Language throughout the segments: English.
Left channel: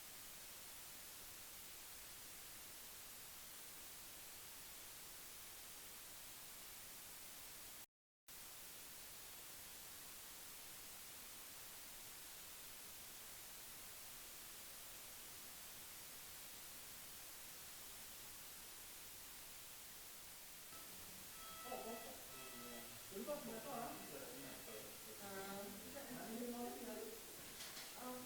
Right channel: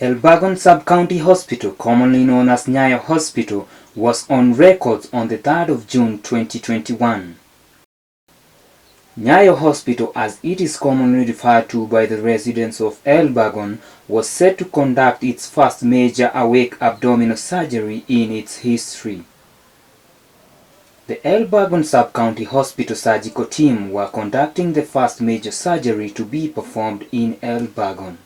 Elburgon Sub-County Hospital, commonly known as Nyayo Hospital, was on record on the 3rd of June 2021. Nyayo Hospital, as it is commonly referred to by the residents of Elburgon, was set to conduct its first major awake abdominal surgery in its history. The Elburgon Sub-County Hospital surgical team were conducting the first major surgery to be performed in Elburgon.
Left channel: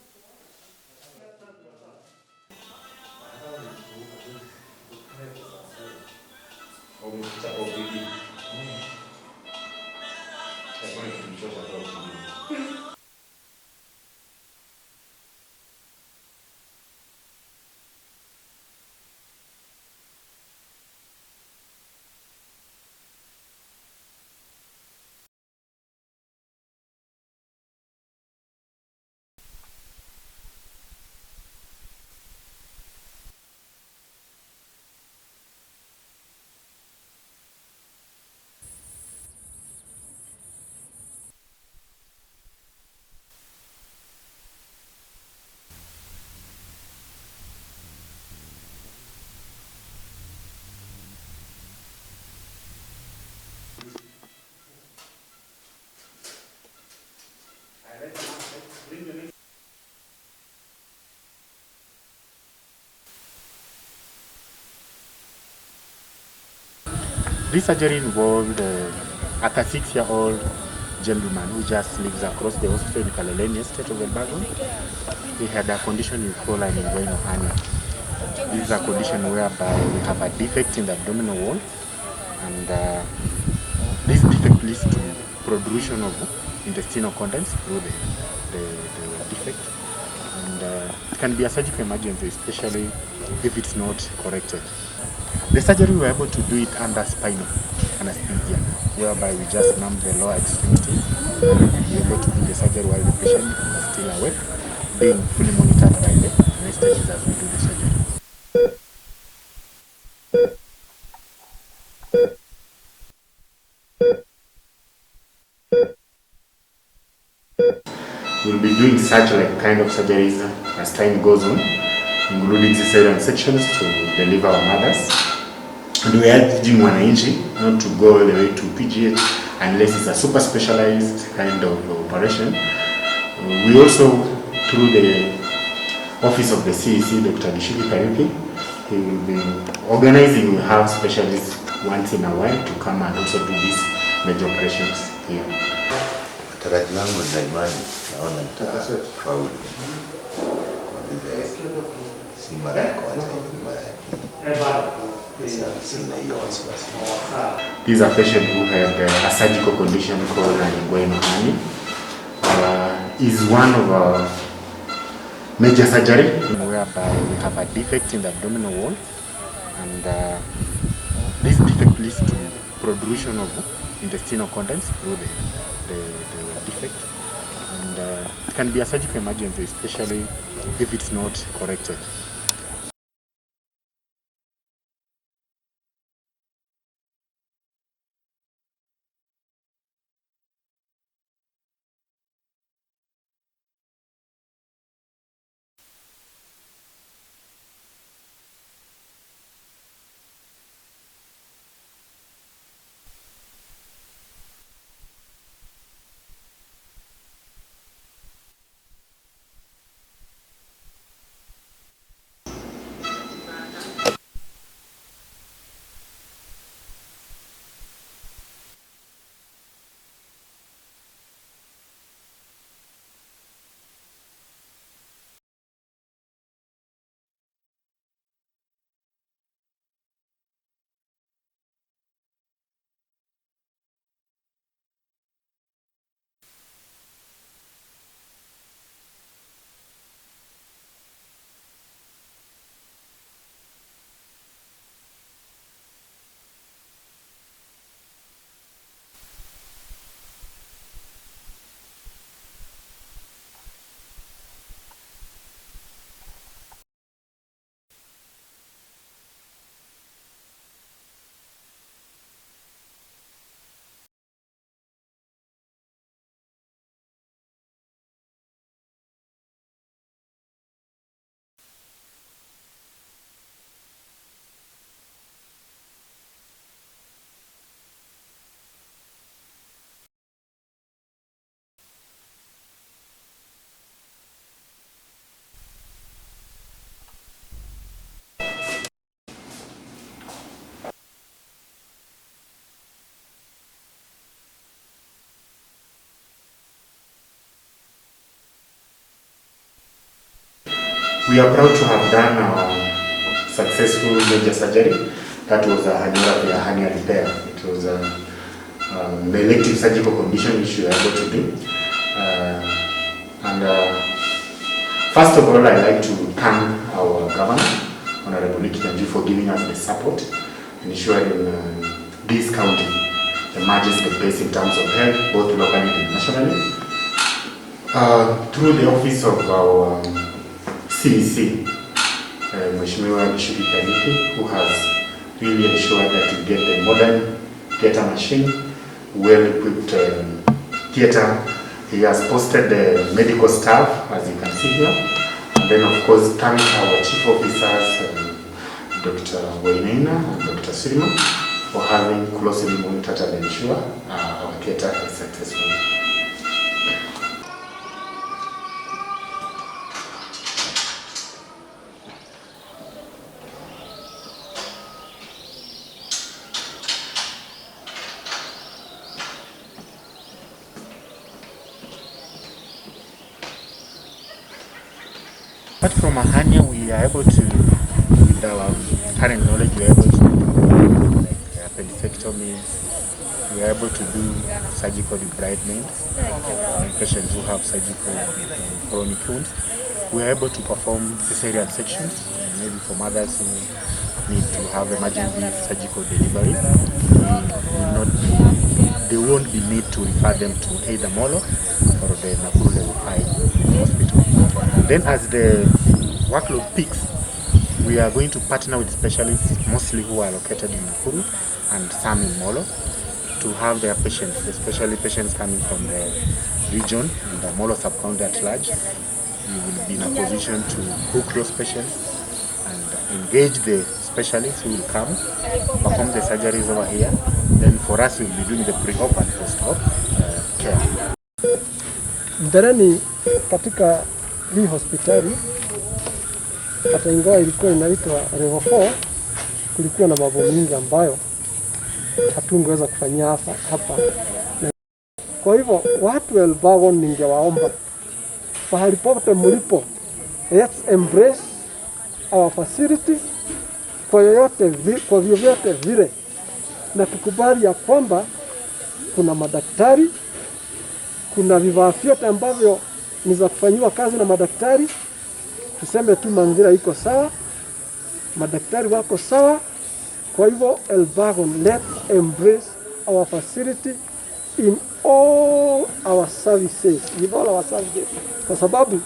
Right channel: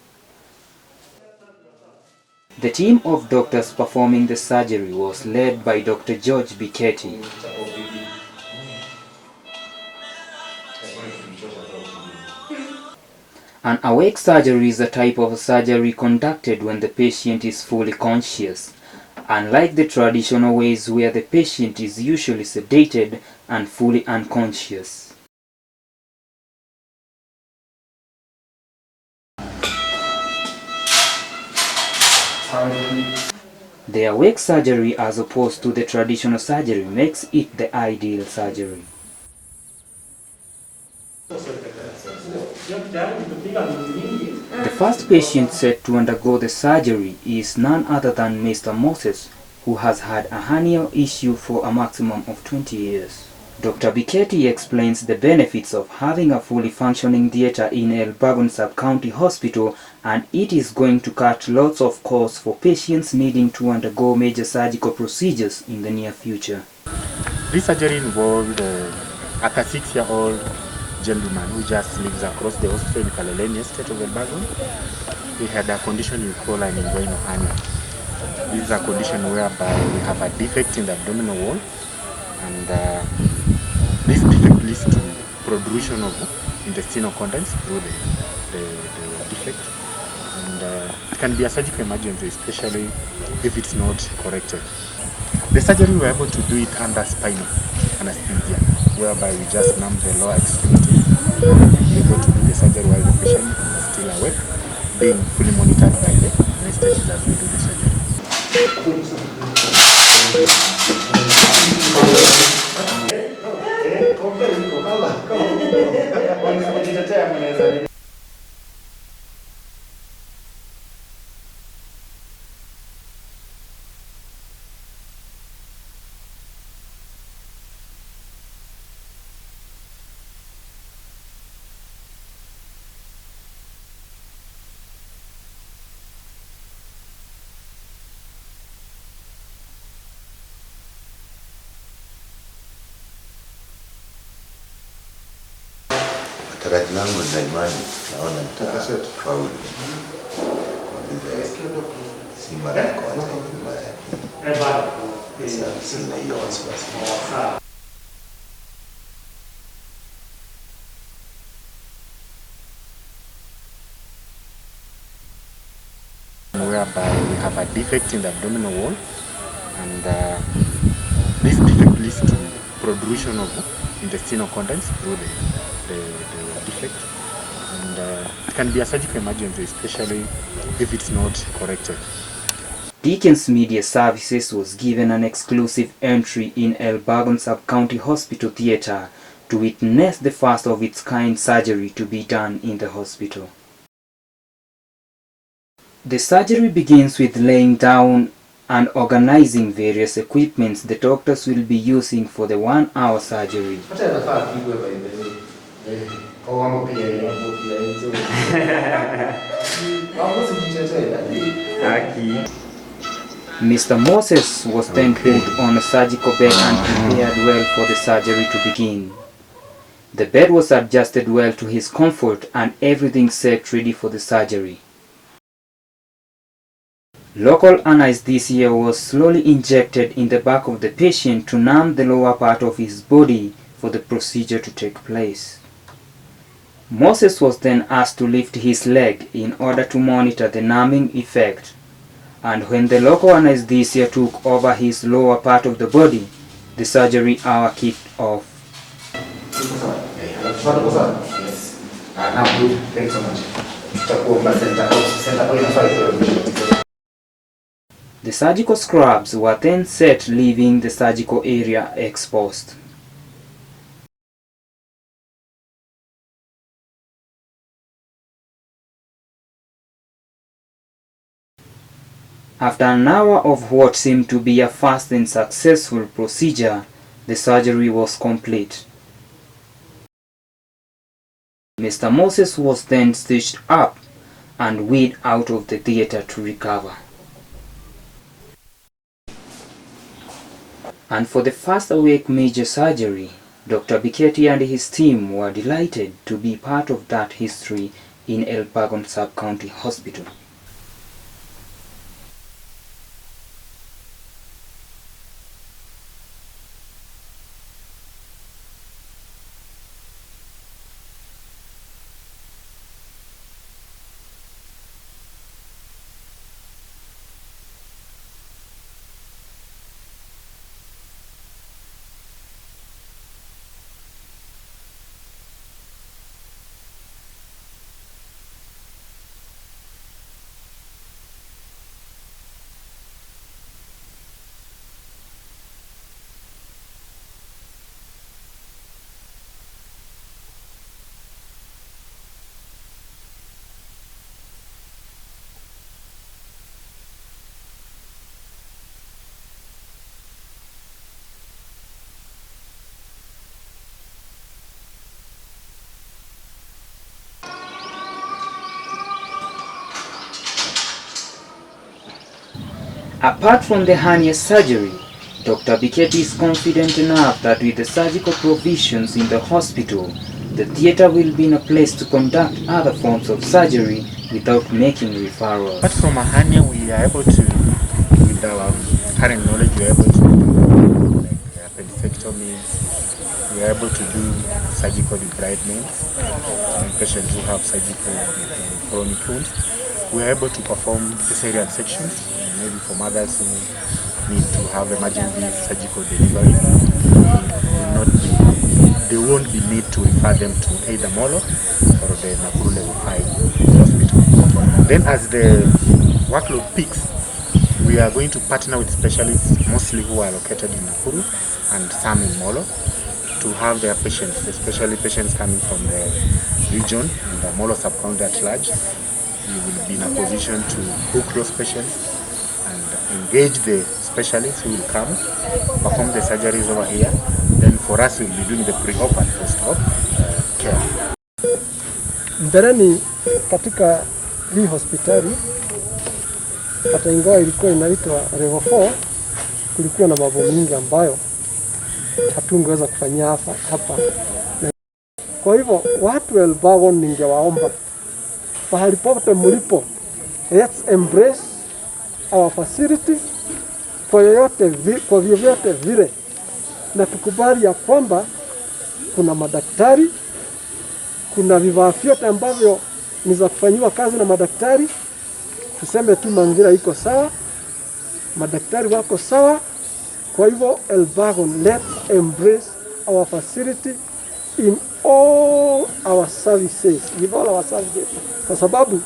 The team of doctors performing the surgery was led by Dr. George BIKETI. An awake surgery is a type of surgery conducted when the patient is fully conscious, unlike the traditional ways where the patient is usually sedated and fully unconscious. The awake surgery, as opposed to the traditional surgery, makes it the ideal surgery. The first patient set to undergo the surgery is none other than Mr. Moses, who has had a hernia issue for a maximum of 20 years. Dr. BIKETI explains the benefits of having a fully functioning theatre in Elburgon Sub-County Hospital, and it is going to cut lots of costs for patients needing to undergo major surgical procedures in the near future. This surgery involved a 36-year-old gentleman who just lives across the hospital in Kaloleni estate of Elburgon. He had a condition we call an inguinal hernia. This is a condition whereby we have a defect in the abdominal wall, and this defect leads to protrusion of intestinal contents through the defect, and it can be a surgical emergency, especially if it's not corrected. The surgery we were able to do it under spinal anesthesia, whereby we just numb the lower extremities and be able to do the surgery while the patient is still awake, being fully monitored by the anesthetists as we do the surgery. We'll be doing such kind of surgeries as time goes on, including cesarean sections to deliver our mothers. And we are urging wananchi not to go all the way to PGH unless it's a super specialized kind of operation. We also, through the office of the CEC, Dr. Gishiri Kariuki, he will be organizing, we have specialists once in a while to come and also do these major operations here. Tarajio langu na imani naona nitafaulu. Si mara ya kwanza, ni mara ya pili. Sina hiyo wasiwasi. This is a patient who had a surgical condition called an inguinal hernia. Is one of our major surgery whereby we have a defect in the abdominal wall, and this defect leads to protrusion of intestinal contents through the defect, and it can be a surgical emergency, especially if it's not corrected. Deacon's Media Services was given an exclusive entry in Elburgon Sub-County Hospital Theatre to witness the first of its kind surgery to be done in the hospital. The surgery begins with laying down and organizing various equipments the doctors will be using for the 1-hour surgery. Mr. Moses was then put on a surgical bed and prepared well for the surgery to begin. The bed was adjusted well to his comfort and everything set ready for the surgery. Local anesthesia was slowly injected in the back of the patient to numb the lower part of his body for the procedure to take place. Moses was then asked to lift his leg in order to monitor the numbing effect, and when the local anesthesia took over his lower part of the body, the surgery hour kicked off. The surgical scrubs were then set, leaving the surgical area exposed. After an hour of what seemed to be a fast and successful procedure, the surgery was complete. Mr. Moses was then stitched up and wheeled out of the theater to recover. And for the first awake major surgery, Dr. BIKETI and his team were delighted to be part of that history in Elburgon Sub-County Hospital. We are proud to have done our successful major surgery. That was a hernia repair. It was the elective surgical condition which we were able to do. First of all, I'd like to thank our governor, Honorable Nikita, for giving us the support and ensuring this county emerges the best in terms of health, both locally and nationally. Through the office of our CEC, Mheshimiwa BIKETI, who has really ensured that we get the modern theater machine, well-equipped theater. He has posted the medical staff, as you can see here. And then, of course, thank our chief officers, Dr. Wainaina and Dr. Sirima, for having closely monitored and ensure our theater is successful. Apart from the hernia surgery, Dr. BIKETI is confident enough that with the surgical provisions in the hospital, the theater will be in a place to conduct other forms of surgery without making referrals. Apart from a hernia, we are able to, with our current knowledge, we are able to do like appendectomies, we are able to do surgical debridements, patients who have surgical chronic wounds. We are able to perform cesarean sections, maybe for mothers who need to have emergency surgical delivery. There won't be need to refer them to either MOLO or the NAKURU level 5 hospital. Then as the workload peaks, we are going to partner with specialists, mostly who are located in NAKURU and some in MOLO, to have their patients, especially patients coming from the region and the MOLO sub-county at large. We will be in a position to book those patients and engage the specialists who will come, perform the surgeries over here. Then for us, we'll be doing the pre-op and post-op care. Mbeleni katika hii hospitali, hata ingawa ilikuwa inaitwa level 4, kulikuwa na mambo mingi ambayo hatungeweza kufanyia hapa. Kwa hivyo watu wa Elburgon ningewaomba pahali popote mlipo, let's embrace our facility kwa vyovyote vile, na tukubali ya kwamba kuna madaktari, kuna vifaa vyote ambavyo ni za kufanyiwa kazi na madaktari. Tuseme tu mazingira iko sawa, madaktari wako sawa. Kwa hivyo Elburgon, let's embrace our facility in all our services, with all our services. Kwa sababu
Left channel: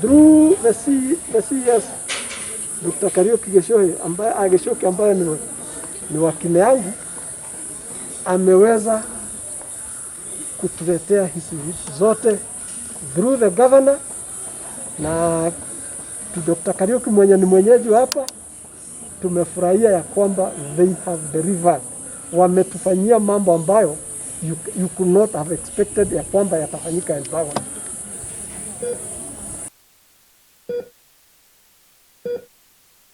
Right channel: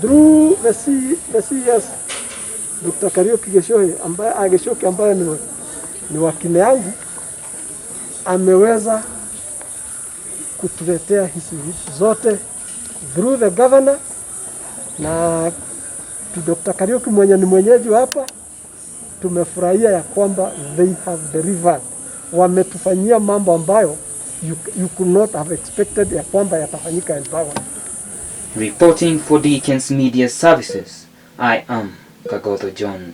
through the CS Dr. Kariuki Geshoki ambaye ni wakili yangu, ameweza kutuletea hizi vitu zote through the governor na Dr. Kariuki mwenye ni mwenyeji hapa. Tumefurahia ya kwamba they have delivered. Wametufanyia mambo ambayo you could not have expected ya kwamba yatafanyika Elburgon. Reporting for Deacons Media Services, I am Kagoto John.